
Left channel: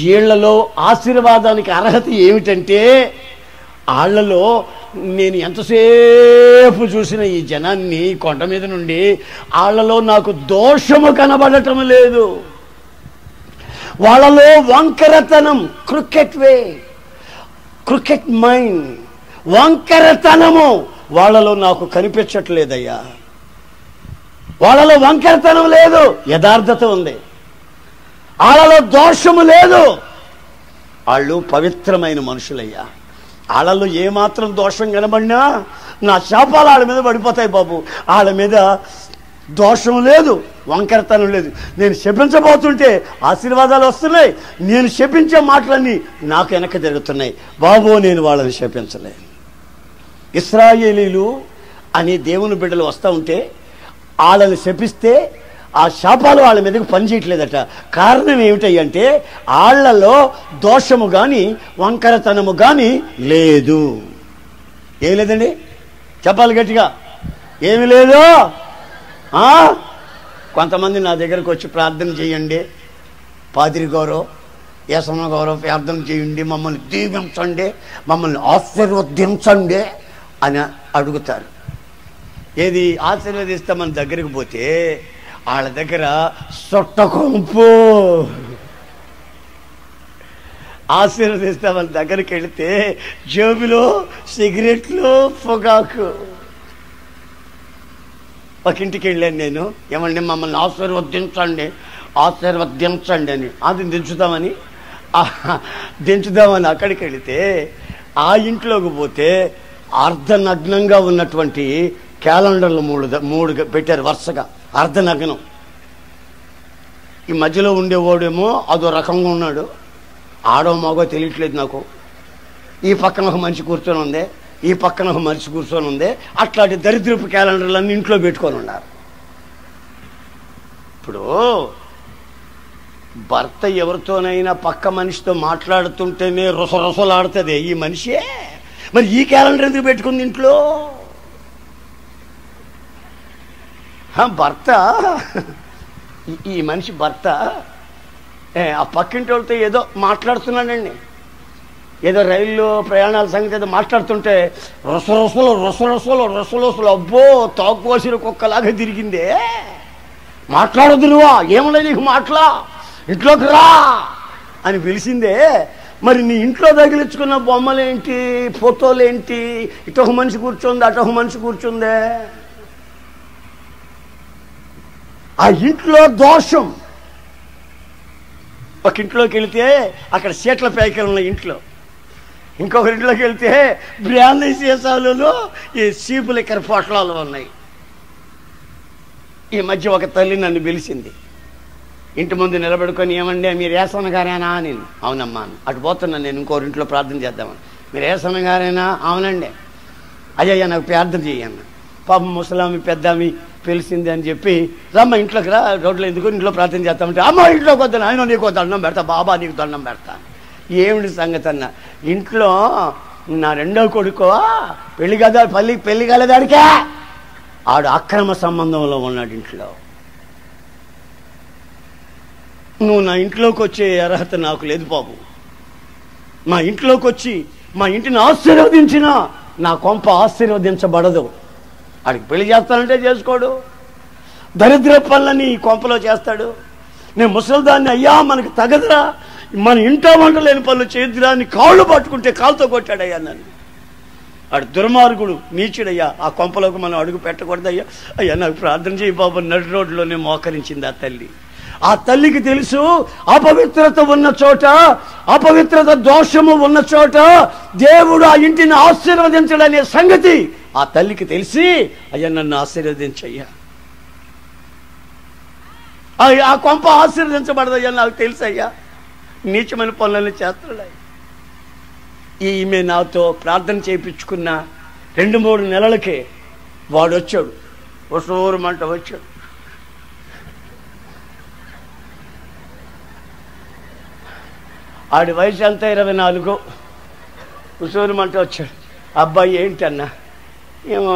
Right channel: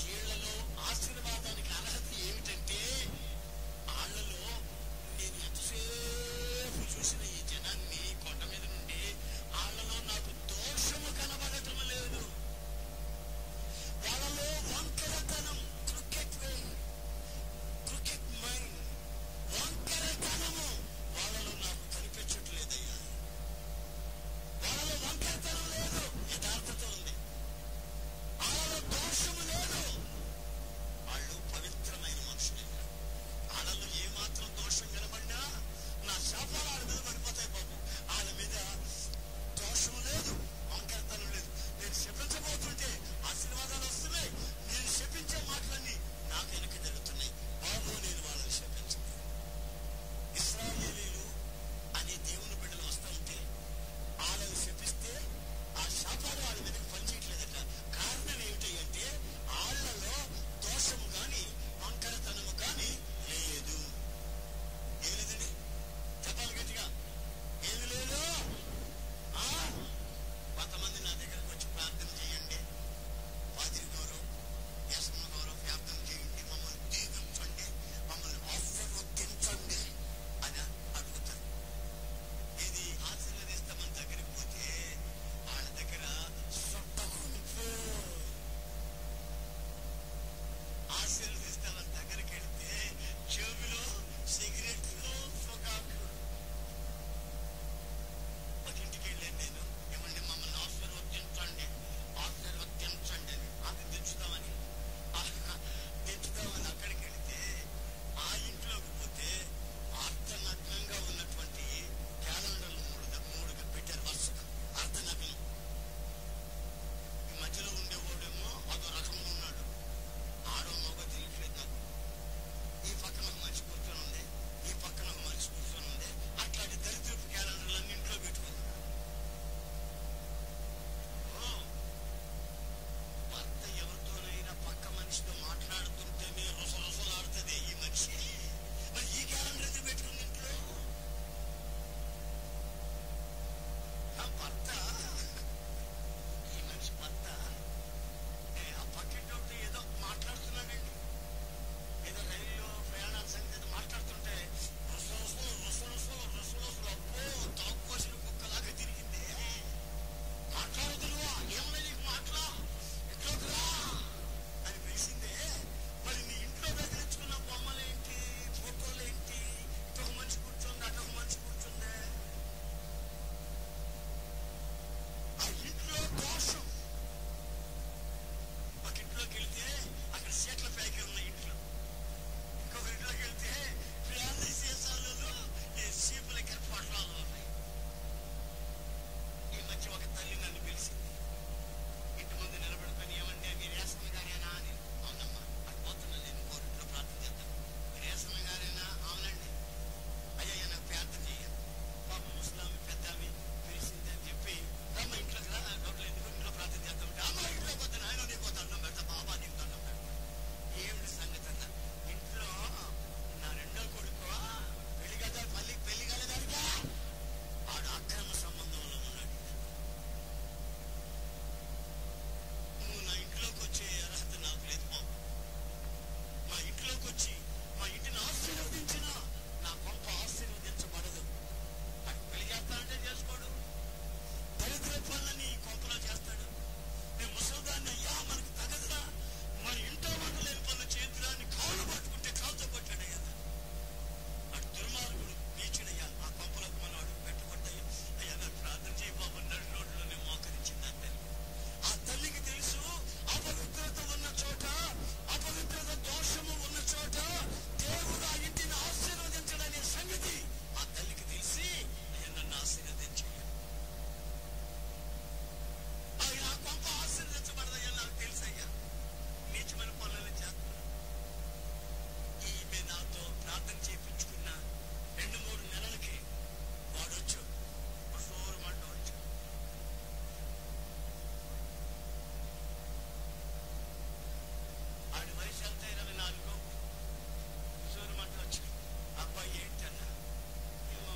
వీళ్లలో ఆశీర్వాదానికి అర్హత ఏమిటంటే, వాళ్ళలో నేను ఎంతసేపు చూసిన ఈ జనాన్ని కొండ మీద నుండి వాళ్ళలో నాకు దోషము కనబడటం లేదు. వాళ్ళలో వంకరతనం, క్రికెట్ మైండ్, వంకరతనము వాళ్ళలో నాకు కనిపించట్లేదయ్యా. వాళ్ళలో వంకరతనం లేదు, యథార్థత ఉంది. వాళ్ళలో దోషము లేదు, వాళ్ళు పవిత్రమైన మనుషులయ్యా. వాళ్ళలో ఏమాత్రం దోషం కనబడినా నా శాపాలు వాళ్ళ మీద పడిపోతాయి బాబు. వాళ్ళ మీద దోషం లేదు, వంకరతనం లేదు. నేను శపించబోతుంటే ఆశీర్వాదాలు వస్తున్నాయి, నేను శపించే మాటలన్నీ నాకు వెనక జరుగుతున్నాయి బాబు. నేను వాళ్ళని శపించలేను. ఇశ్రాయేలీలు అనే దేవుని బిడ్డలు వస్తూ ఉంటే వాళ్ళని శపిస్తే ఆ శాపాలు వాళ్ళ మీదకి పనిచేయట్లేదట. కారణం ఏమిటంటే వాళ్ళలో దోషము కానీ వంకరతనము కానీ లేదు. ఏమి లేదండి, చెప్పాలి గట్టిగా, ఏమి లేదు. కొంతమంది నా దగ్గరకు వచ్చి ప్రార్థన చేయండి, పాదిరి గారు, యేసమ్మ గారు ప్రార్థన చేయండి, మమ్మల్ని దీవించండి, మమ్మల్ని ఆశీర్వదించండి అని అడుగుతారు. ఏది ఆశీర్వదిస్తామని దగ్గరికి పోతే వాళ్ళ దగ్గర సొట్టకొంపు. ఆశీర్వదిస్తామని దగ్గరికి వెళితే జేబులో సిగరెట్లు, పొగాకు. ఒక ఇంటికి వెళ్ళాను నేను, ఏమండి మమ్మల్ని ఆశీర్వదించండి అని. అది దించుదామని అక్కడికి వెళితే ఆ ఇంట్లోకి పోతే అర్ధనగ్నంగా ఉన్నటువంటి క్యాలెండర్లు మూడు పెట్టారు వరుసగా, అర్ధనగ్నం. ఈ మధ్యలో ఉండేవాడేమో అదో రకంగా ఉన్నాడు, ఆడో మగో తెలియట్లేదు నాకు. ఈ పక్కన ఒక మనిషి కూర్చొని ఉంది, ఈ పక్కన ఒక మనిషి కూర్చొని ఉంది. అట్లాంటి దరిద్రపు క్యాలెండర్లన్నీ ఇంట్లో పెట్టుకొని ఉన్నారు. ఇప్పుడు భర్త ఎవరితోనైనా పక్క మనిషితో మాట్లాడుతుంటేనే రొసరొసలాడుతుంది ఈ మనిషే, మరి ఈ క్యాలెండర్ ఎందుకు పెట్టుకుంది ఇంట్లో? భర్త, ఈ మనిషి భర్త ఆ పక్కింటి వాళ్ళతో ఏదో మాట్లాడుతున్నాడండి, ఏదో రైల్లో ప్రయాణాల సంగతి ఏదో మాట్లాడుతుంటే రొసరొసలు అబ్బో తాకువసిన కుక్కలాగా తిరిగిందే. మాట్లాడొద్దు నువ్వా, ఏమన్నా నీకు మాట్లా, ఇంట్లోకి రా అని పిలిచిందే. మరి నీ ఇంట్లో తగిలించుకున్న బొమ్మలేంటి, ఫోటోలేంటి, ఇటొక మనిషి కూర్చుంది అటొక మనిషి కూర్చుందే. ఆ ఇంట్లో దోషం. ఒక ఇంట్లోకి వెళితే అక్కడ సీట్ల ప్యాకెట్లు ఉన్నాయి ఇంట్లో, ఇంకొక ఇంట్లోకి వెళ్తే బ్రాందీ సీసాలలో ఈ సీపు లిక్కర్ పొట్లాలు ఉన్నాయి. ఈ మధ్య ఒక తల్లి నన్ను పిలిచింది, ఇంటి ముందు నిలబడుకొని, ఏమండి మీరు ఏసన్న గారేనా అని. అవునమ్మా. అటు పోతున్నాను నేను, ఇంకోరింట్లో ప్రార్థన చేద్దామని. మీరు ఏసన్న గారేనా? అవునండి. అయ్యయ్యా నాకు ప్రార్థన చెయ్యన్న. పాపం ముసలామి పెద్దామి పిలిచింది అని చెప్పి, రమ్మ ఇంట్లోకి రా, రోడ్లో ఎందుకు, ఇంట్లో ప్రార్థన చేస్తామంటే, అమ్మ ఇంట్లోకి వద్దాను, ఆయన నీకు దండం పెడతా, బాబా నీకు దండం పెడతా. ఏమిటి సంగతి అన్న, ఇంట్లో నా రెండో కొడుకో పెళ్లి కాలేదాడికే, ఆడు అక్రమ సంబంధంలో ఉన్నాడు ఇంట్లో. నువ్వు నా ఇంట్లోకి వచ్చే అర్హత నాకు లేదు బాబు. మా ఇంట్లోకి వచ్చి మా ఇంటిని ఆశీర్వదించినా నా కొంప ఆశీర్వదించబడదు. ఆడికి పెళ్లి చేస్తానంటే చేసుకోడు, దరిద్ర పనులని కొంపలో చేస్తాడు. నేను ముసలిదాన్ని, అయ్యా మనకు తగదురా, మన ఇంటో వంట లేని పనులు చేద్దురా అని కాళ్ళు పట్టుకుంటే కాలుతో కొట్టాడయ్యా నన్ను. ఆడు దుర్మార్గుడు, నీచుడయ్యా. ఆ కొంపలోకి మనం అడుగు పెట్టకూడదయ్యా. అయ్యా నాకు ప్రార్థన చేయి బాబు. నడి రోడ్లోనే మోకరించింది ఆ తల్లి. ఆ తల్లికి తెలుసు అపవిత్రత ఉన్న చోట, అపవిత్రత దోషము ఉన్న చోట దేవుడు ఆ ఇంటిని ఆశీర్వదించడనే సంగతి ఆ తల్లికి తెలిసి, అయ్యా నన్ను ఆశీర్వదించయ్యా, ఆ కొంప ఆశీర్వదించబడదయ్యా నాకు తెలుసయ్యా, నీచమైన పనులను చేస్తాడు. ఈమె నాతో ప్రార్థన చేయించుకున్న 2-3 నెలలకే వాడు వచ్చాడు, ఉసూరమంట వచ్చాడు. ఆడి వయసు ఎంత 24. ఉసూరమంట వచ్చాడు. అబ్బాయి ఏంటన్నా? ఏమో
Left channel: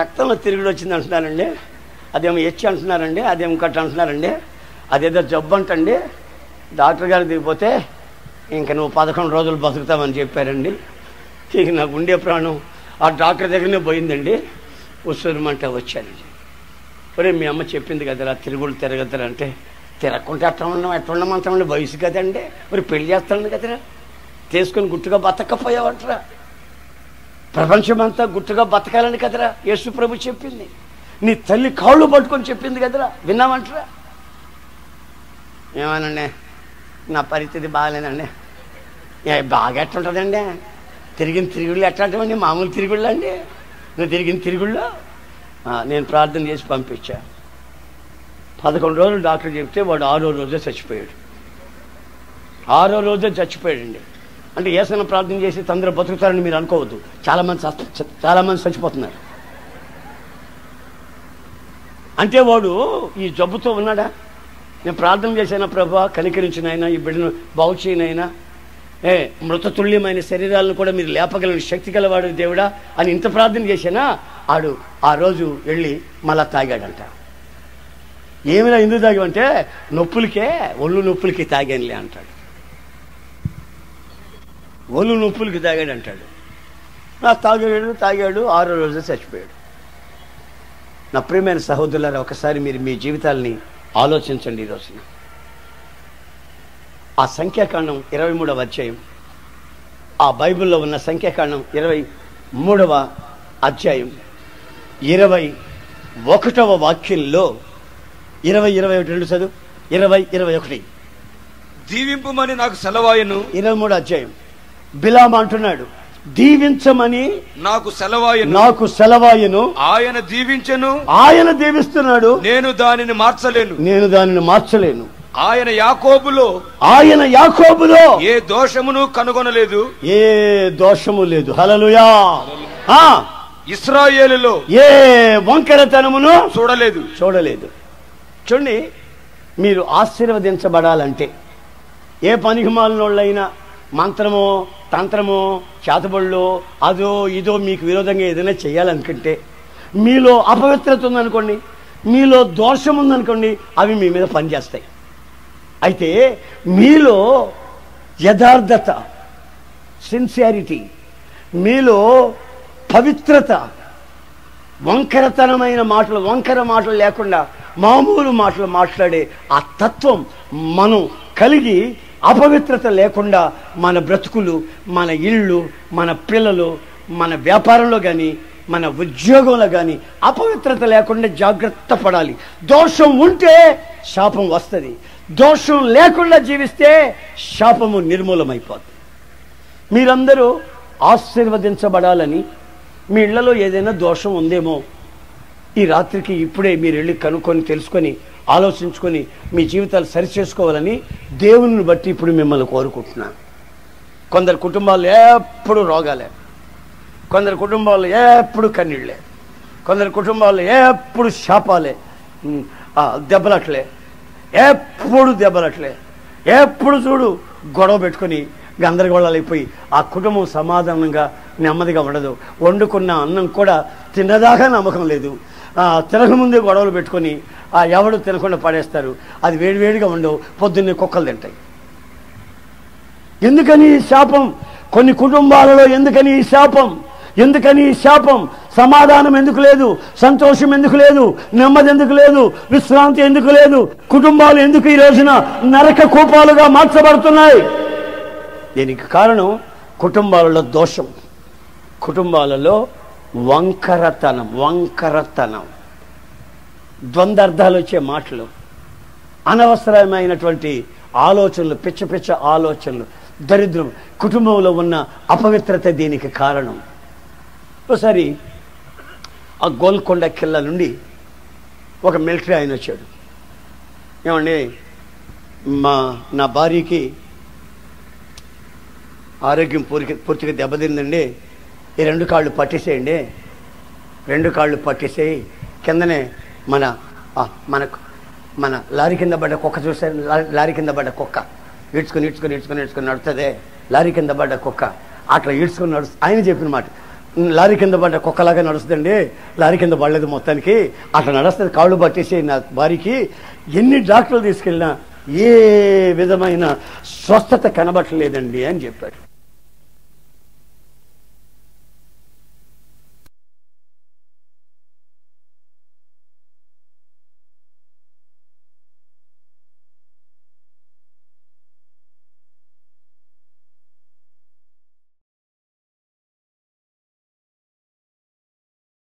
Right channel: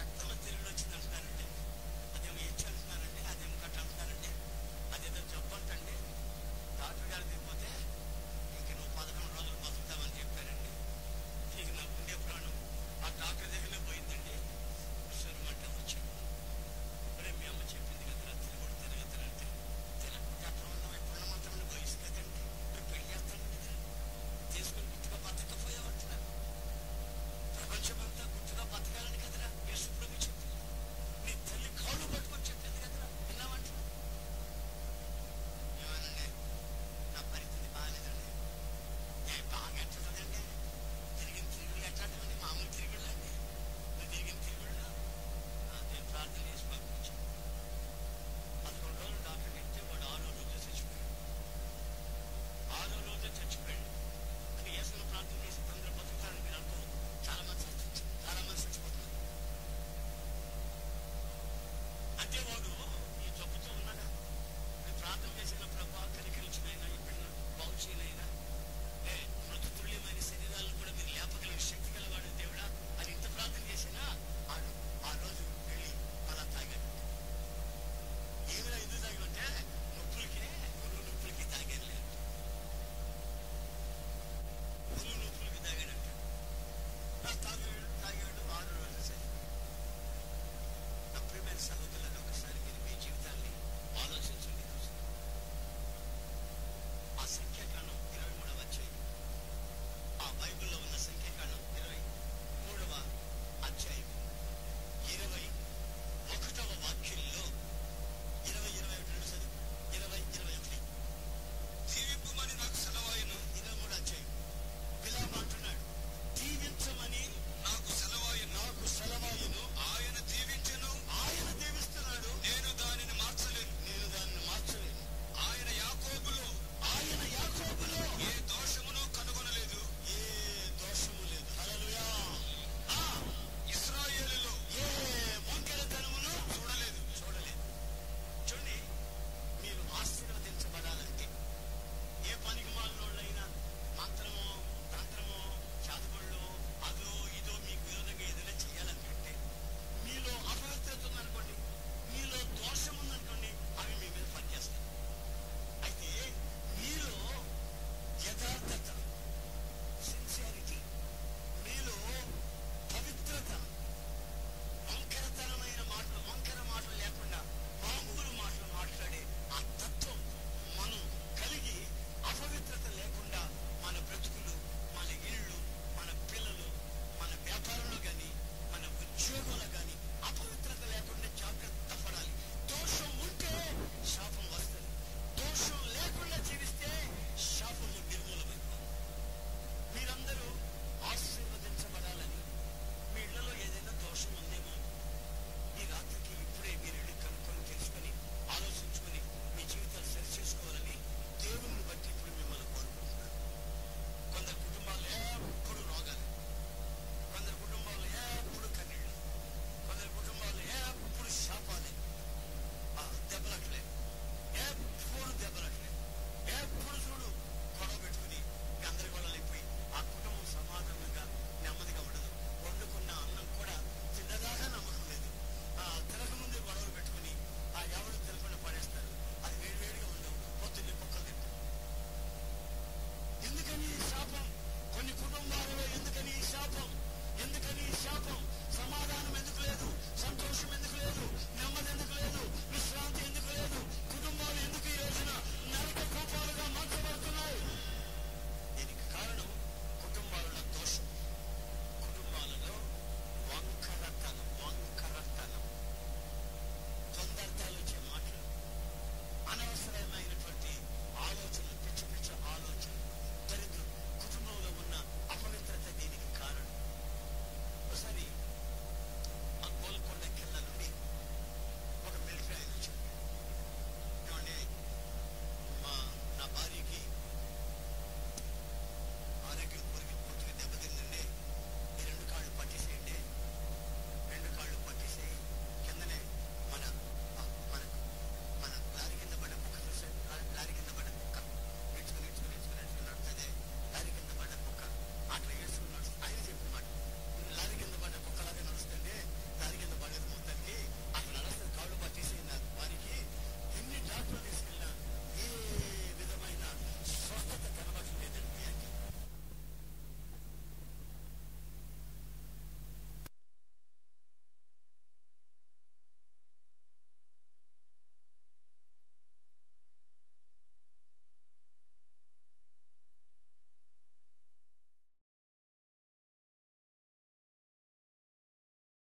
రక్తంలో తిరుగుడు వచ్చింది అంటున్నారండి, అదేమో హెచ్ అంటున్నారండి, అదేమో కట్ట అంటున్నారండి, అదేదో జబ్బు అంటండి, డాక్టర్ గారు దిగిపోతే ఇంకా నువ్వు 11 రోజులు బతుకుతామని చెప్పారండి. ఇక నాకు ఉండే ప్రాణం ఆ డాక్టర్ దగ్గరనే పోయిందండి. ఉసూరమంట వచ్చానండి. ఒరే మీ అమ్మ చెప్పింది కదరా తిరుగుడు తిరగద్దరంటే, తిరగకుంటే ఎట్లా ఉండమంటామండి, వయసు కదండి, మరి పెళ్లి చేస్తాను కదరా, తీసుకుని గుట్టుగా బతకపోయావంటరా, ప్రపంచమంతా గుట్టుగా బతకాలని కదరా యేసు ప్రభు చెప్పింది, నీ తల్లి కాళ్ళు పట్టుకొని చెప్పింది కదరా, విన్నామంటరా? ఏమనండి, నా పరిస్థితి బాగాలేదండి. బాగా ఎట్లుంటుందండి, తిరిగిన తిరుగుళ్ళు ఎట్లాంటివండి, మామూలు తిరుగుళ్ళు అండి, నువ్వు తిరిగిన తిరుగుళ్ళు. నేను ప్రార్థన చేసి పంపించా. 11 రోజులు డాక్టర్ చెప్తే వాడు 6వ రోజే చచ్చిపోయాడు. 6వ రోజే చచ్చిపోయాడండి. అంటే ఏసైనా ప్రార్థన చేసి తొందరగా బతుకుతారని మీరు అనుకోవద్దు. చాలామంది చచ్చిపోతున్నారు. అంటే వాడు ఈ జబ్బుతో ఉన్నాడా? నేను ప్రార్థన చేశాను, ప్రభా కనికరించినైనా ఈ బిడ్డను బాగు చేయనైనా, మృతతుల్యమైన శరీరాలను కూడా మీరు లేపగలని శక్తి గలవాడు దేవుడా అని ఇంత ప్రార్థన చేశానా? ఆడు ఆ రోజు వెళ్ళి మళ్ళా తాగాడంట. ఏమైనా ఎందుకు తాగామంటే నొప్పులకే, ఒళ్ళు నొప్పులకి తాగానులే అంటాడు. ఒళ్ళు నొప్పులకి తాగాడు అంటాడు. తాగాడు 6వ రోజు చచ్చిపోయాడు. నా ప్రియమైన సహోదరులారా, ఒకసారి మీరు మీ జీవితాలని ఆలోచించండి. ఈ రోజున ఆ సంఖ్యాకాండం 23వ అధ్యాయం, ఆ బైబిల్లో ఉన్న సంఖ్యాకాండం 23వ అధ్యాయం 21వ వాక్యంలో 20-21 చదువు. 20-21 దీవింపుమని నాకు సెలవాయను. 23వ అధ్యాయం బిలాము అంటున్నాడు, దీవించమని నాకు సెలవాయను. ఆయన దీవించెను, ఆయన దీవిస్తున్నాడు, నేను దానిని మార్చలేను. ఆయన యాకోబులో ఏ దోషమును కనుగొనలేదు, ఏ దోషము లేదు. హల్లెలూయా. ఇశ్రాయేలులో ఏ వంకరతనమును చూడలేదు. చూడండి, మీరు ఆశీర్వదించబడాలంటే ఏ పనికిమాలినోళ్ళైనా మంత్రమో తంత్రమో చేతబడులో అదో ఇదో మీకు విరోధంగా ఏదైనా చేయాలనుకుంటే, మీలో అపవిత్రత ఉందనుకోండి, మీలో దోషం ఉందనుకోండి, అవి మీ మీద పనిచేస్తాయి. అయితే మీలో యథార్థత, సిన్సియారిటీ, మీలో పవిత్రత, వంకర మాటలు లేకుండా మామూలు మాటలు మాట్లాడే ఆ తత్వం మనం కలిగి, అపవిత్రత లేకుండా మన బ్రతుకులు, మన ఇళ్ళు, మన పిల్లలు, మన వ్యాపారంలో కానీ మన ఉద్యోగంలో కానీ అపవిత్రత లేకుండా జాగ్రత్త పడాలి. దోషం ఉంటే శాపం వస్తుంది, దోషం లేకుండా జీవిస్తే శాపము నిర్మూలమైపోతుంది. మీరందరూ ఆశీర్వదించబడాలని, మీ ఇళ్లలో ఏదైనా దోషం ఉందేమో ఈ రాత్రికి ఇప్పుడే మీరు వెళ్ళి కనుక్కొని తెలుసుకొని ఆలోచించుకొని మీ జీవితాలు సరిచేసుకోవాలని దేవుని బట్టి ఇప్పుడు మిమ్మల్ని కోరుకుంటున్నాను. కొందరు కుటుంబాలు ఎప్పుడు రోగాలే, కొందరు కుటుంబాలు ఎప్పుడు కన్నీళ్ళే, కొందరు కుటుంబాలు ఎప్పుడు శాపాలే, దెబ్బలట్లే, ఎప్పుడు చూడు గొడవ పెట్టుకొని గందరగోళాలు అయిపోయి ఆ కుటుంబం సమాధానంగా నెమ్మదిగా ఉండదు. వండుకున్న అన్నం కూడా తిన్నదాకా నమ్మకం లేదు. తినకముందే గొడవలు పెట్టుకొని ఎవడు తినకుండా పడేస్తారు. అది వేడివేడిగా ఉండవు, పొద్దున్నే కుక్కలు తింటాయి. ఎందుకని ఈ శాపం కొన్ని కుటుంబాలలో? ఎందుకని ఈ శాపం? సమాధానం ఎందుకు లేదు? సంతోషం ఎందుకు లేదు? నెమ్మది ఎందుకు లేదు? విశ్రాంతి ఎందుకు లేదు? కుటుంబాలు ఎందుకు ఈ రోజున నరక కూపాలుగా మార్చబడుతున్నాయి? దీనికి కారణం కుటుంబాలలో దోషం, కుటుంబాలలో వంకరతనం, ద్వంద్వార్థాలు వచ్చే మాటలు, అనవసరమైనటువంటి ఆలోచనలు, పిచ్చ ఆలోచనలు, దరిద్రం, కుటుంబంలో ఉన్న అపవిత్రత దీనికి కారణం. ఒకసారి ఆ గోల్కొండ కిల్ల నుండి ఒక మిలిటరీ ఆయన వచ్చాడు. ఏమండి, నా భార్యకి ఆరోగ్యం పూర్తిగా దెబ్బతిందండి, ఈ 2 కాళ్ళు పట్టేసేయండి, 2 కాళ్ళు పట్టేసేయి. కిందనే మనకు మన లారీ కింద పడ్డ కుక్క చూసారు, లారీ కింద పడ్డ కుక్క ఈడ్చుకొని నడుస్తుంది. లారీ కింద పడ్డ కుక్క అట్లా ఈడ్చుకొని నడుస్తుంది. ఆయన చెప్పిన మాట, లారీ కింద పడ్డ కుక్కలాగా నడుస్తుందండి, లారీ కింద పడలేదు మొత్తానికి, అట్లా నడుస్తుంది. కాళ్ళు పట్టేసి నా భార్యకి ఎన్ని డాక్టర్లు తీసుకెళ్ళినా ఏ విధమైన స్వస్థత కనబట్టలేదండి అని చెప్పాడు.